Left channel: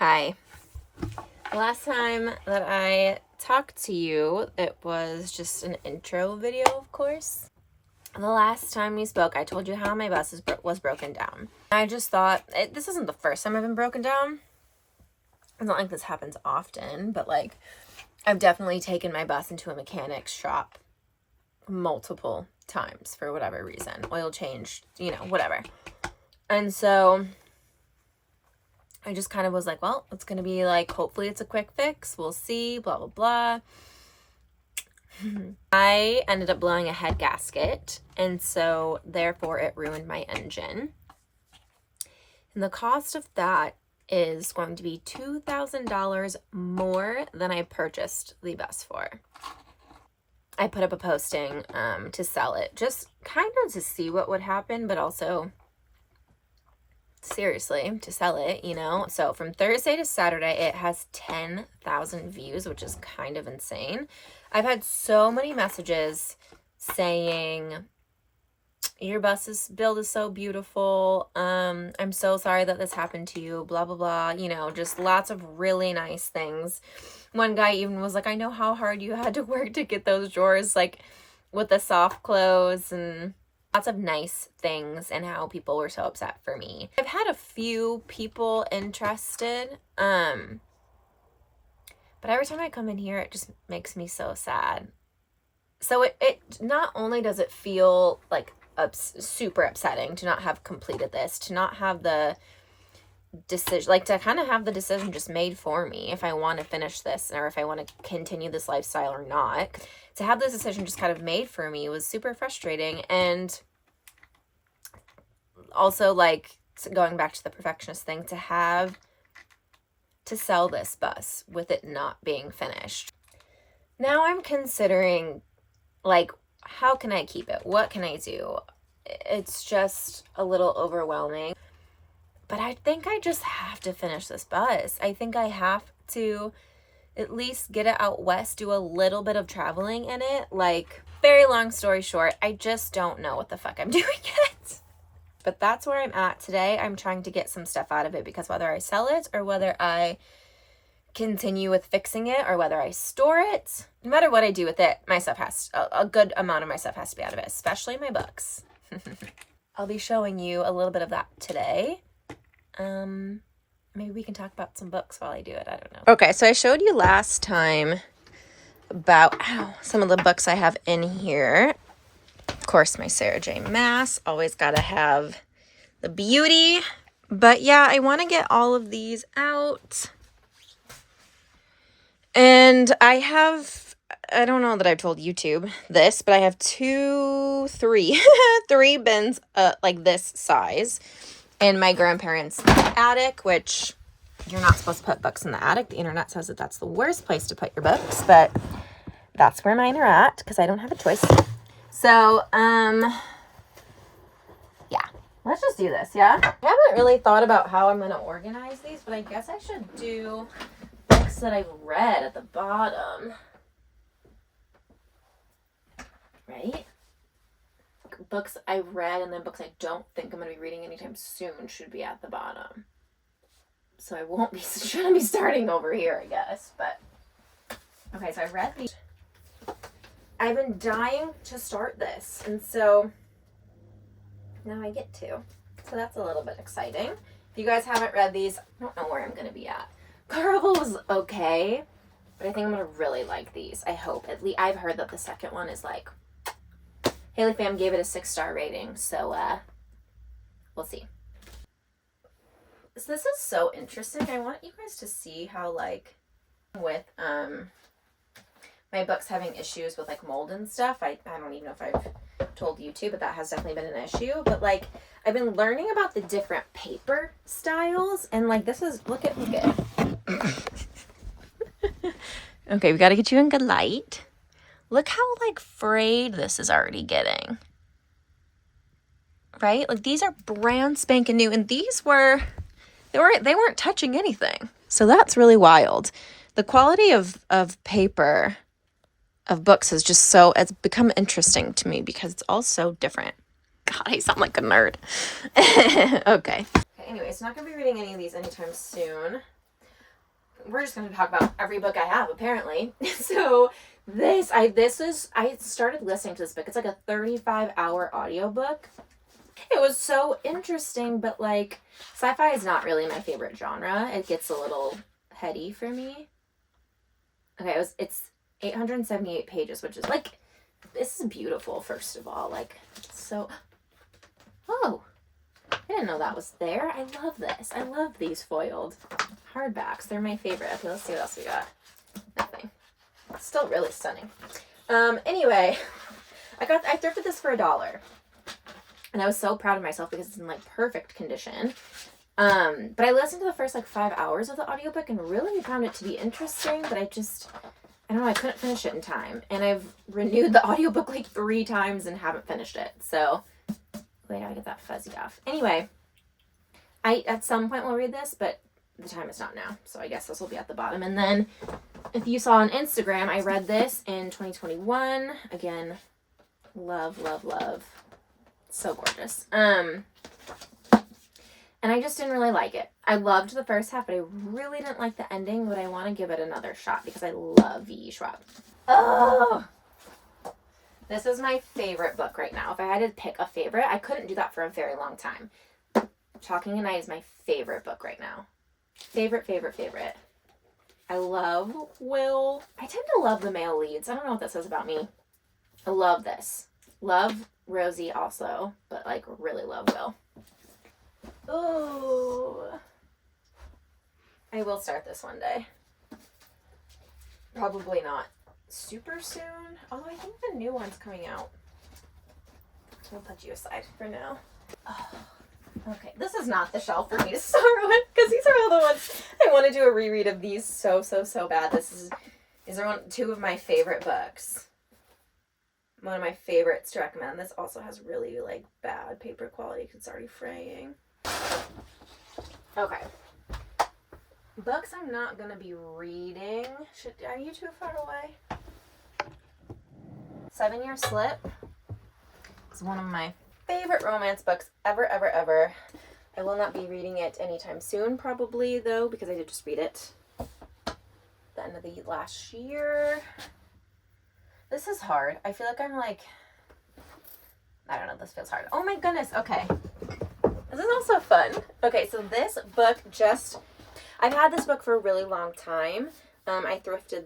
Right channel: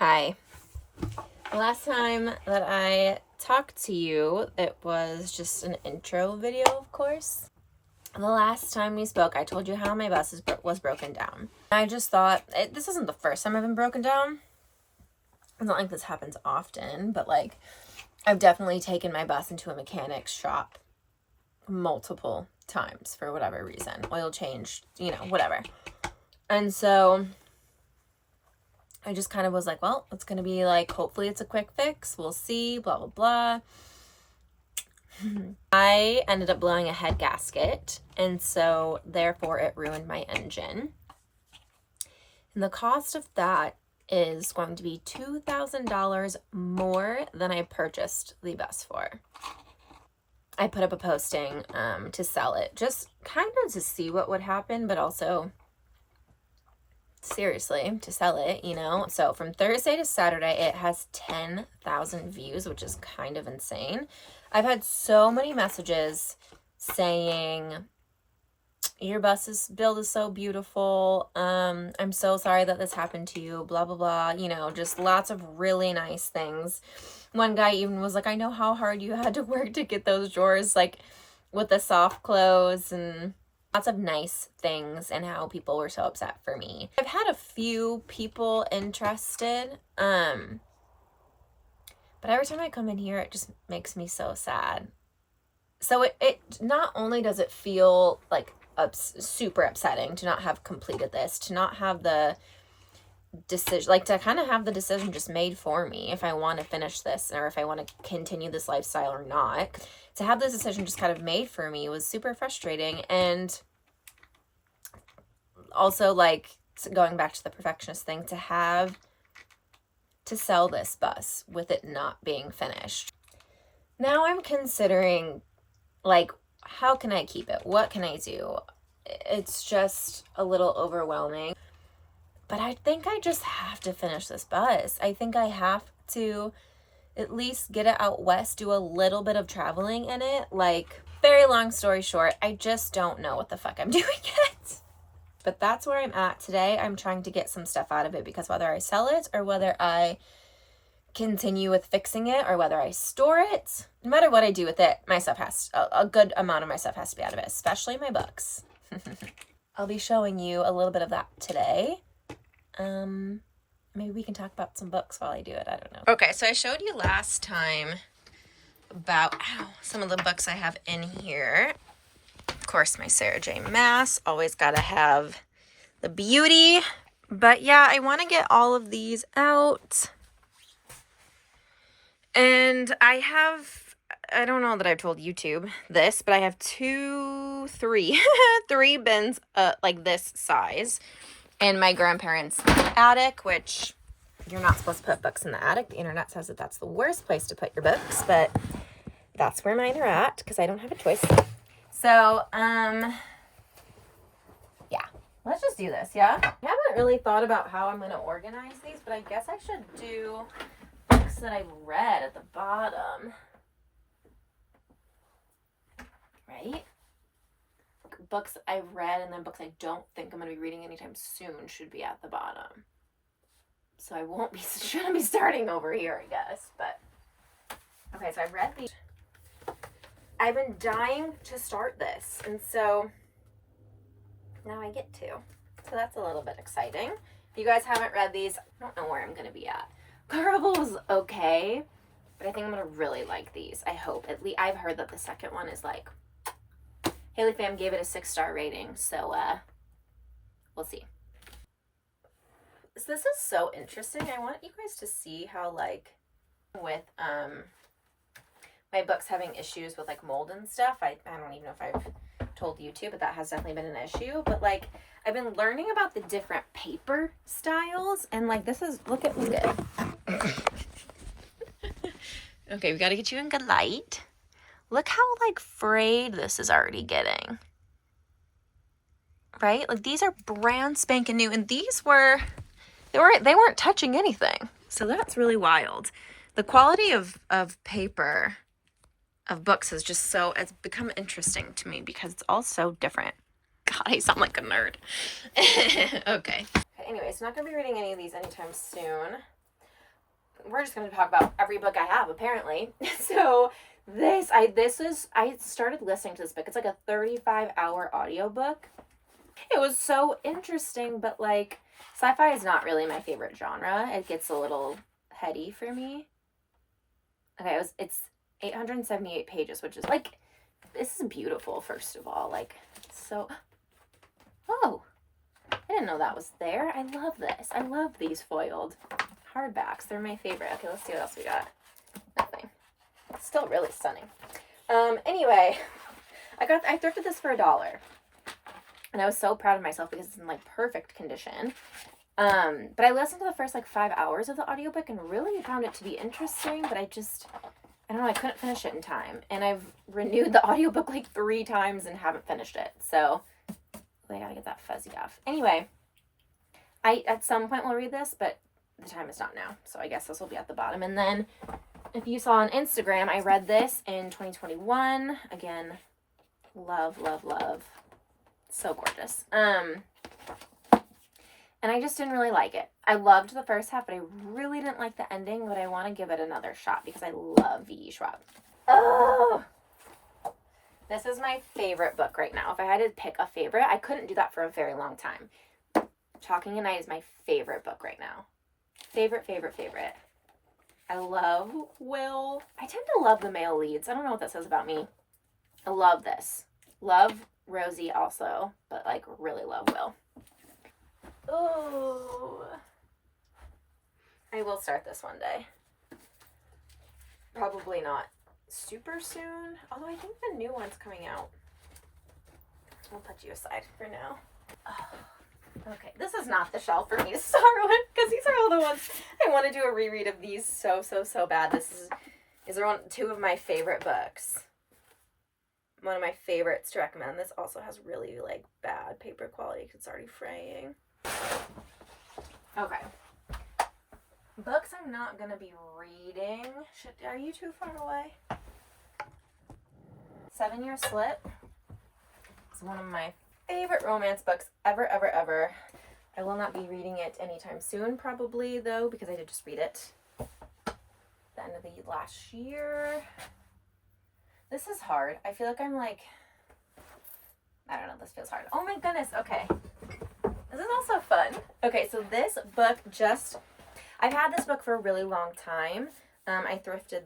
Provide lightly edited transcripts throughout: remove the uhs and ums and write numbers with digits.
Hi. The last time that I talked to you, it was just an intro video, of course. The last time we spoke, I told you how my bus was broken down. I just thought, this isn't the first time I've been broken down. It's not like this happens often, but like, I've definitely taken my bus into a mechanic's shop multiple times for whatever reason. Oil changed, whatever. And so I just kind of was like, well, it's going to be like, hopefully it's a quick fix. We'll see, blah, blah, blah. I ended up blowing a head gasket, and so therefore it ruined my engine. And the cost of that is going to be $2,000 more than I purchased the bus for. I put up a posting to sell it, just kind of to see what would happen, but also seriously to sell it, So from Thursday to Saturday, it has 10,000 views, which is kind of insane. I've had so many messages saying, your bus's build is so beautiful. I'm so sorry that this happened to you, blah, blah, blah. Just lots of really nice things. One guy even was like, I know how hard you had to work to get those drawers, like with the soft close, and lots of nice things, and how people were so upset for me. I've had a few people interested, but every time I come in here, it just makes me so sad. So it not only does it feel like super upsetting to not have completed this, to not have the decision, like to kind of have the decision just made for me if I want to finish this or if I want to continue this lifestyle or not. To have this decision just kind of made for me was super frustrating. And also, like, going back to the perfectionist thing, to sell this bus with it not being finished. Now I'm considering, like, how can I keep it? What can I do? It's just a little overwhelming. But I think I just have to finish this bus. I think I have to at least get it out west, do a little bit of traveling in it. Like, very long story short, I just don't know what the fuck I'm doing yet. But that's where I'm at today. I'm trying to get some stuff out of it, because whether I sell it or whether I continue with fixing it or whether I store it, no matter what I do with it, my stuff a good amount of my stuff has to be out of it, especially my books. I'll be showing you a little bit of that today. Maybe we can talk about some books while I do it. I don't know. Okay, so I showed you last time about some of the books I have in here. Of course, my Sarah J. Maas. Always gotta have the beauty. But yeah, I want to get all of these out. And I don't know that I've told YouTube this, but I have three bins like this size in my grandparents' attic, which you're not supposed to put books in the attic. The internet says that that's the worst place to put your books, but that's where mine are at because I don't have a choice. So, yeah, let's just do this, yeah? I haven't really thought about how I'm going to organize these, but I guess I should do books that I've read at the bottom. Right? Books I've read and then books I don't think I'm going to be reading anytime soon should be at the bottom. So I shouldn't be starting over here, I guess, but okay, so I read these. I've been dying to start this, and so now I get to. So that's a little bit exciting. If you guys haven't read these, I don't know where I'm going to be at. Carnival was okay, but I think I'm going to really like these. I hope. At least I've heard that the second one is like, Haley Fam gave it a 6-star rating, so we'll see. So this is so interesting. I want you guys to see how, like, with my books having issues with like mold and stuff. I don't even know if I've told you to, but that has definitely been an issue. But like, I've been learning about the different paper styles, and like this is look at okay, we got to get you in good light. Look how like frayed this is already getting. Right? Like these are brand spanking new, and these they weren't touching anything. So that's really wild. The quality of paper of books is just it's become interesting to me because it's all so different. God, I sound like a nerd. Okay. Anyway, so not going to be reading any of these anytime soon. we're just going to talk about every book I have, apparently. So I started listening to this book. It's like a 35-hour audiobook. It was so interesting, but like sci-fi is not really my favorite genre. It gets a little heady for me. Okay, it's 878 pages, which is like, this is beautiful, first of all. Like, so, oh, I didn't know that was there. I love this. I love these foiled hardbacks. They're my favorite. Okay, let's see what else we got. Nothing. Still really stunning. Anyway, I thrifted this for $1. And I was so proud of myself because it's in like perfect condition. But I listened to the first like 5 hours of the audiobook and really found it to be interesting, but I don't know, I couldn't finish it in time. And I've renewed the audiobook like 3 times and haven't finished it. So, I gotta get that fuzzy off. Anyway, I at some point will read this, but the time is not now. So I guess this will be at the bottom. And then if you saw on Instagram, I read this in 2021. Again, love, love, love. So gorgeous. And I just didn't really like it. I loved the first half, but I really didn't like the ending, but I want to give it another shot because I love V.E. Schwab. Oh! This is my favorite book right now. If I had to pick a favorite, I couldn't do that for a very long time. Talking at Night is my favorite book right now. Favorite, favorite, favorite. I love Will. I tend to love the male leads. I don't know what that says about me. I love this. Love Rosie also, but like really love Will. Oh, I will start this one day. Probably not super soon, although I think the new one's coming out. We'll put you aside for now. Oh, okay, this is not the shelf for me to start with because these are all the ones I want to do a reread of these so bad. These are 2 of my favorite books. One of my favorites to recommend. This also has really like bad paper quality because it's already fraying. Okay. Books I'm not gonna be reading. Are you too far away? 7 Year Slip is one of my favorite romance books ever. I will not be reading it anytime soon, probably, though, because I did just read it at the end of the last year. This is hard. I feel like I'm like, I don't know, this feels hard. Oh my goodness, okay. This is also fun. Okay, so this book I've had this book for a really long time. I thrifted,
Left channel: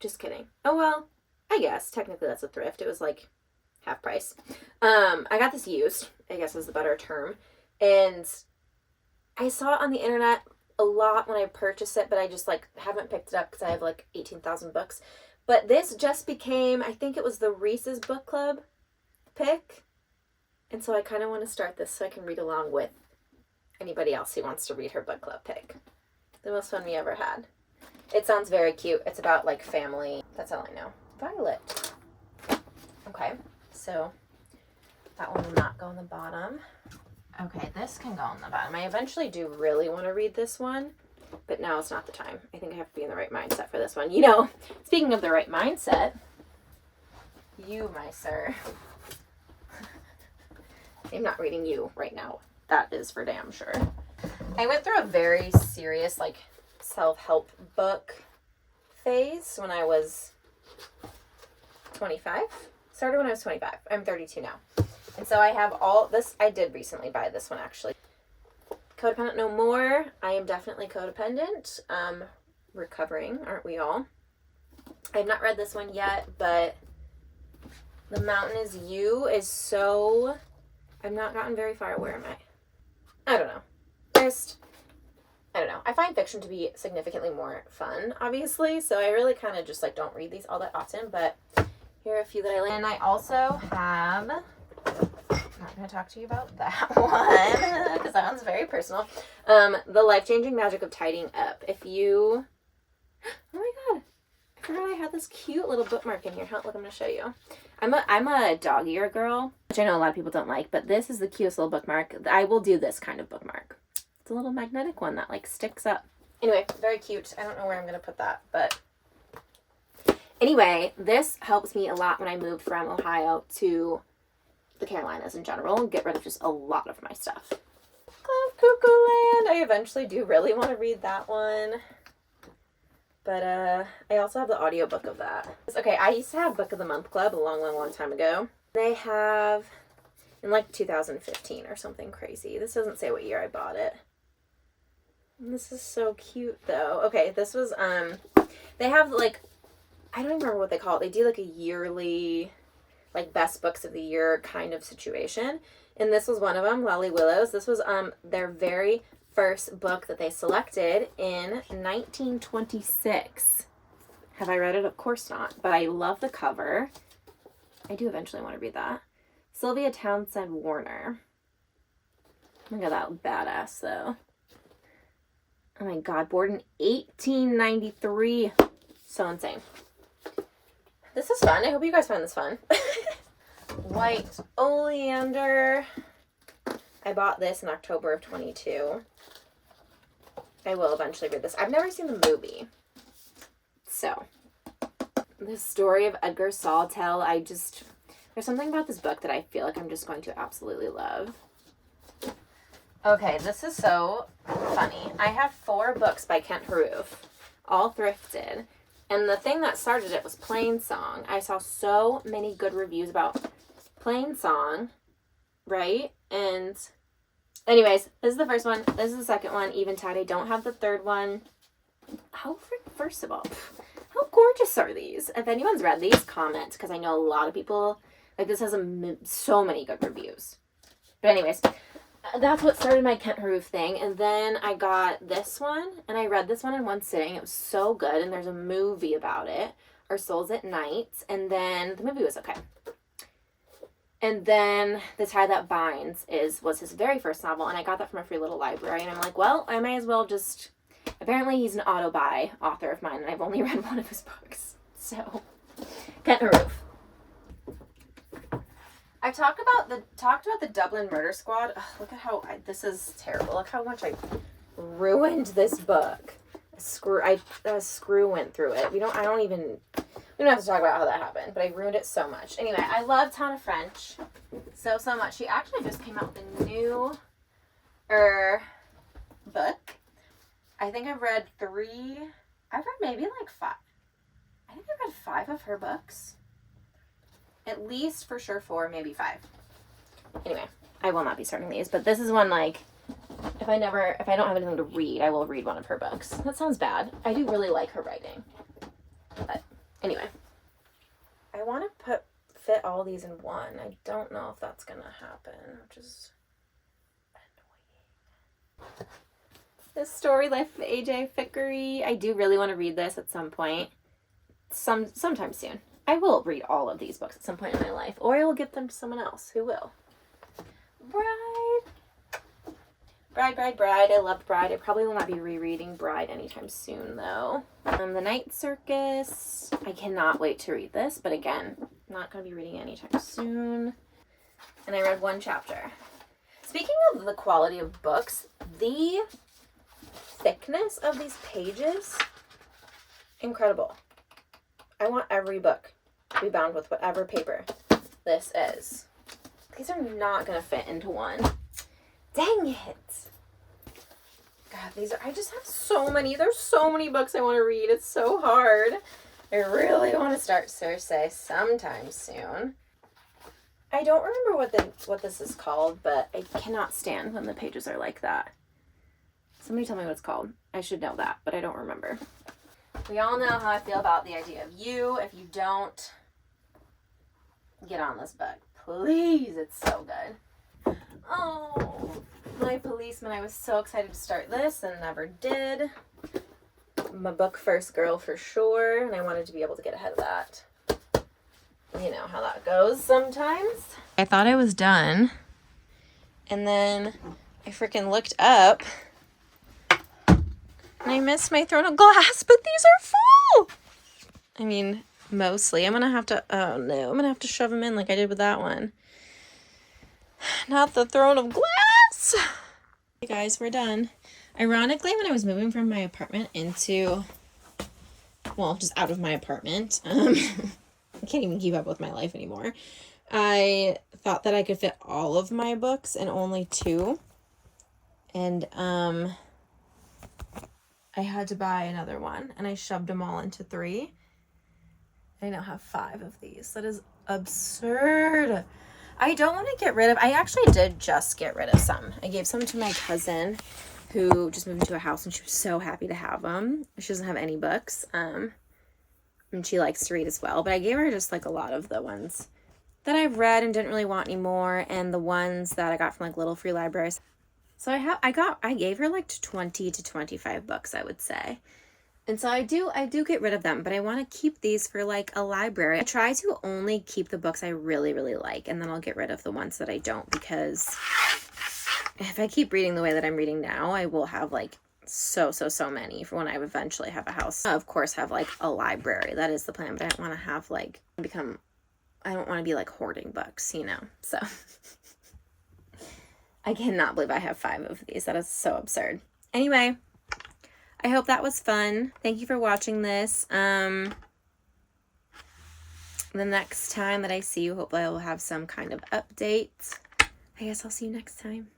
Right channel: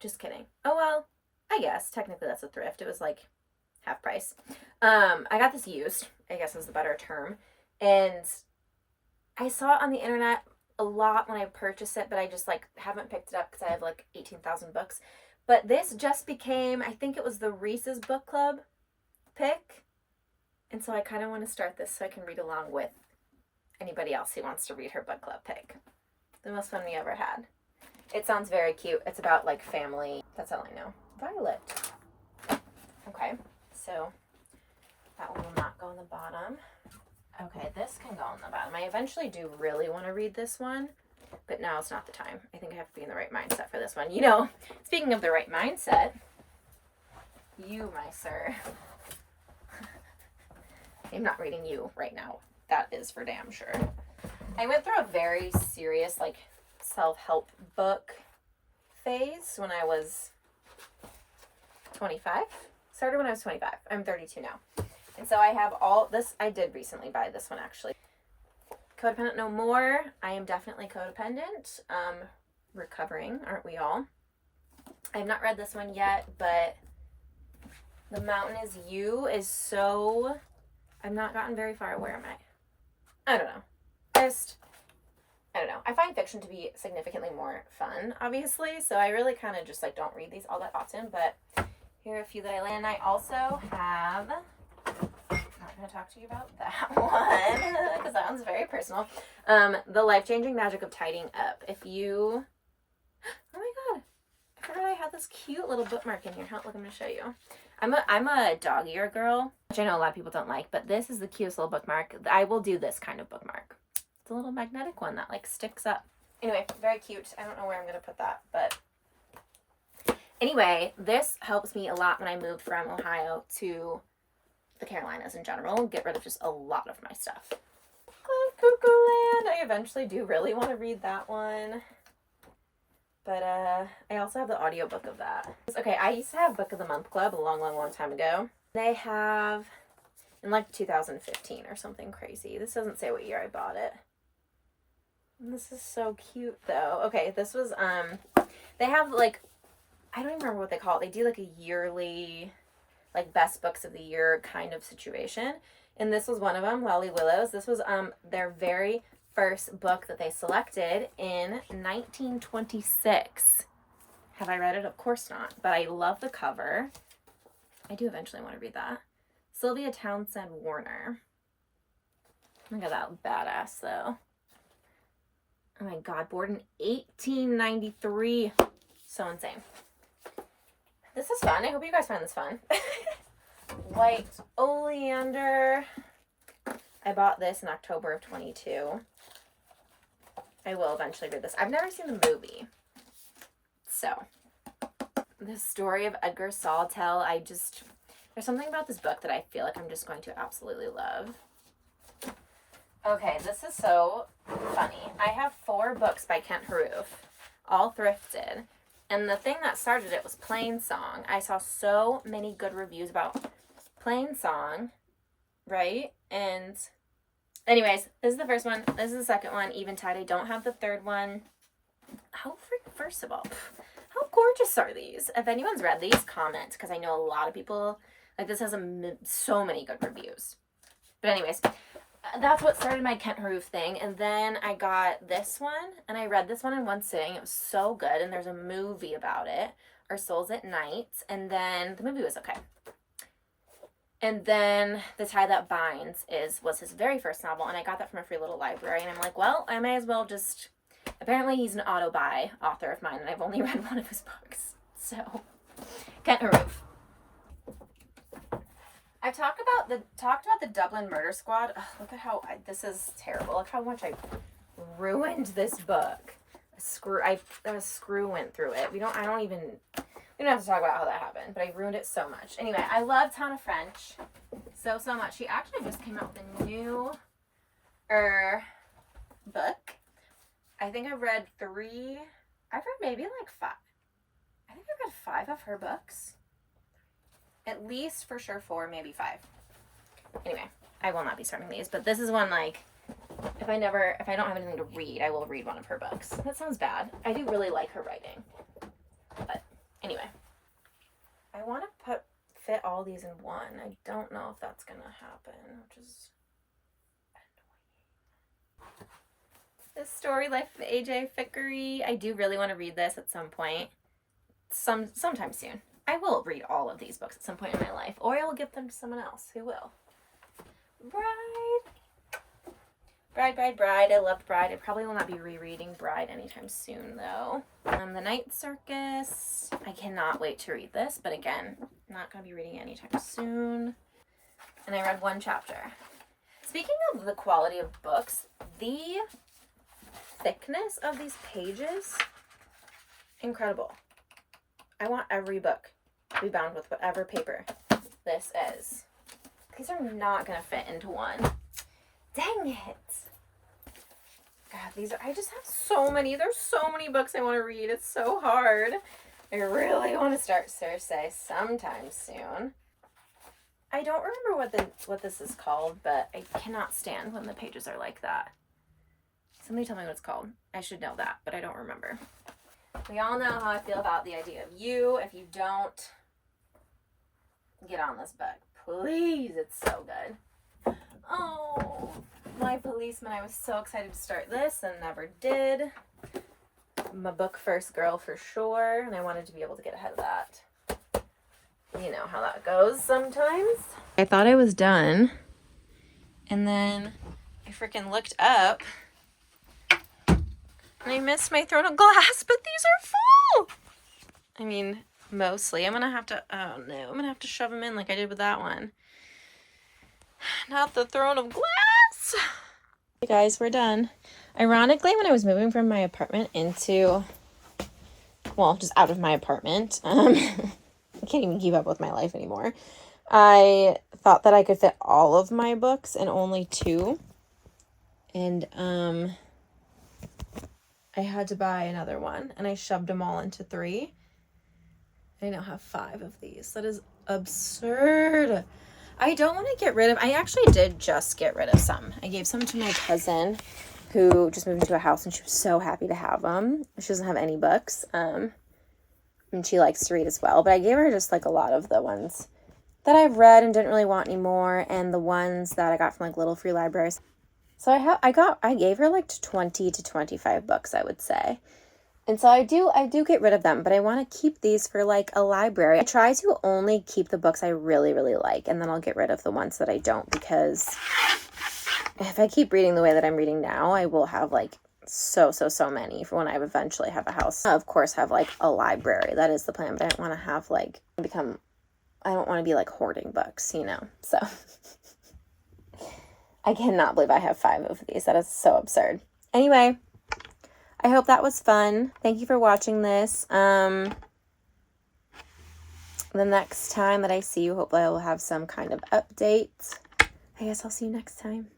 just kidding. Oh well, I guess, technically that's a thrift. It was like half price. I got this used, I guess is the better term. And I saw it on the internet a lot when I purchased it, but I just like haven't picked it up because I have like 18,000 books. But this just became, I think it was the Reese's Book Club pick. And so I kind of want to start this so I can read along with anybody else who wants to read her book club pick. The most fun we ever had. It sounds very cute. It's about like family. That's all I know. Violet. Okay, so that one will not go on the bottom. Okay, this can go on the bottom. I eventually do really want to read this one, but now it's not the time. I think I have to be in the right mindset for this one. You know, speaking of the right mindset, you, my sir. I'm not reading you right now. That is for damn sure. I went through a very serious, like, self-help book phase when I was 25. Started when I was 25. I'm 32 now. And so I have all this. I did recently buy this one, actually. Codependent No More. I am definitely codependent. Recovering, aren't we all? I have not read this one yet, but The Mountain Is You is so... I've not gotten very far. Where am I? I don't know. I don't know. I find fiction to be significantly more fun, obviously. So I really kind of just like don't read these all that often. But here are a few that I like. And I also have... I'm not going to talk to you about that one because that one's very personal. The Life-Changing Magic of Tidying Up. If you... Oh my god. I forgot I had this cute little bookmark in here. Look, I'm going to show you. I'm a dog ear girl, which I know a lot of people don't like, but this is the cutest little bookmark. I will do this kind of bookmark. It's a little magnetic one that like sticks up. Anyway, very cute. I don't know where I'm going to put that, but anyway, this helps me a lot when I moved from Ohio to the Carolinas in general and get rid of just a lot of my stuff. Cloud Cuckoo Land. I eventually do really want to read that one. But I also have the audiobook of that. Okay, I used to have Book of the Month Club a long time ago. They have in like 2015 or something crazy. This doesn't say what year I bought it. This is so cute though. Okay, this was they have like, I don't even remember what they call it. They do like a yearly like best books of the year kind of situation. And this was one of them, Lolly Willows. This was their very first book that they selected in 1926. Have I read it? Of course not. But I love the cover. I do eventually want to read that. Sylvia Townsend Warner. Look at that badass though. Oh my god, born in 1893. So insane. This is fun. I hope you guys find this fun. White Oleander. I bought this in October of 22. I will eventually read this. I've never seen the movie. So, the story of Edgar Sawtelle, there's something about this book that I feel like I'm just going to absolutely love. Okay, this is so funny. I have 4 books by Kent Haruf, all thrifted. And the thing that started it was Plain Song. I saw so many good reviews about Plain Song, right? And anyways, this is the first one. This is the second one, Eventide. I don't have the third one. First of all, how gorgeous are these? If anyone's read these, comment, because I know a lot of people, like, this has so many good reviews. But anyways, that's what started my Kent Haruf thing. And then I got this one, and I read this one in one sitting. It was so good, and there's a movie about it, Our Souls at Night, and then the movie was okay. And then The Tie That Binds was his very first novel, and I got that from a Free Little Library, and I'm like, well, I may as well just... Apparently he's an auto-buy author of mine, and I've only read one of his books. So, Kent Haruf. I talked about the Dublin Murder Squad. Ugh, look at how this is terrible. Look how much I ruined this book. A screw went through it. We don't have to talk about how that happened, but I ruined it so much. Anyway, I love Tana French so much. She actually just came out with a new book. I think I've read 3. I've read maybe like 5. I think I've read 5 of her books. At least for sure 4, maybe 5. Anyway, I will not be starting these, but this is one, like, if I don't have anything to read, I will read one of her books. That sounds bad. I do really like her writing. But anyway, I want to fit all these in one. I don't know if that's going to happen, which is annoying. This Story Life of AJ Fickery. I do really want to read this at some point. Sometime soon. I will read all of these books at some point in my life, or I will give them to someone else who will. Bride. I loved Bride. I probably will not be rereading Bride anytime soon, though. The Night Circus. I cannot wait to read this, but again, not going to be reading anytime soon. And I read 1 chapter. Speaking of the quality of books, the thickness of these pages, incredible. I want every book to be bound with whatever paper this is. These are not going to fit into one. Dang it. God, I just have so many. There's so many books I want to read. It's so hard. I really want to start Circe sometime soon. I don't remember what this is called, but I cannot stand when the pages are like that. Somebody tell me what it's called. I should know that, but I don't remember. We all know how I feel about the idea of You. If you don't, get on this book. Please, it's so good. Oh, My Policeman. I was so excited to start this and never did. I'm a book first girl for sure, and I wanted to be able to get ahead of that. You know how that goes sometimes. I thought I was done, and then I freaking looked up, and I missed my Throne of Glass, but these are full! I mean, mostly. I'm gonna have to shove them in like I did with that one. Not the Throne of Glass! Hey guys, we're done. Ironically, when I was moving from my apartment into, well, just out of my apartment, I can't even keep up with my life anymore. I thought that I could fit all of my books in only 2. And, I I had to buy another one, and I shoved them all into 3. I now have 5 of these. That is absurd. I don't want to get rid of, I actually did just get rid of some. I gave some to my cousin who just moved into a house, and she was so happy to have them. She doesn't have any books, and she likes to read as well, but I gave her just like a lot of the ones that I've read and didn't really want anymore, and the ones that I got from like little free libraries. So I gave her like 20 to 25 books, I would say. And so I do get rid of them, but I want to keep these for like a library. I try to only keep the books I really, really like, and then I'll get rid of the ones that I don't, because if I keep reading the way that I'm reading now, I will have like so many for when I eventually have a house. Of course, have like a library. That is the plan, but I don't want to have like I don't want to be like hoarding books, you know? So I cannot believe I have 5 of these. That is so absurd. Anyway, I hope that was fun. Thank you for watching this. The next time that I see you, hopefully I will have some kind of update. I guess I'll see you next time.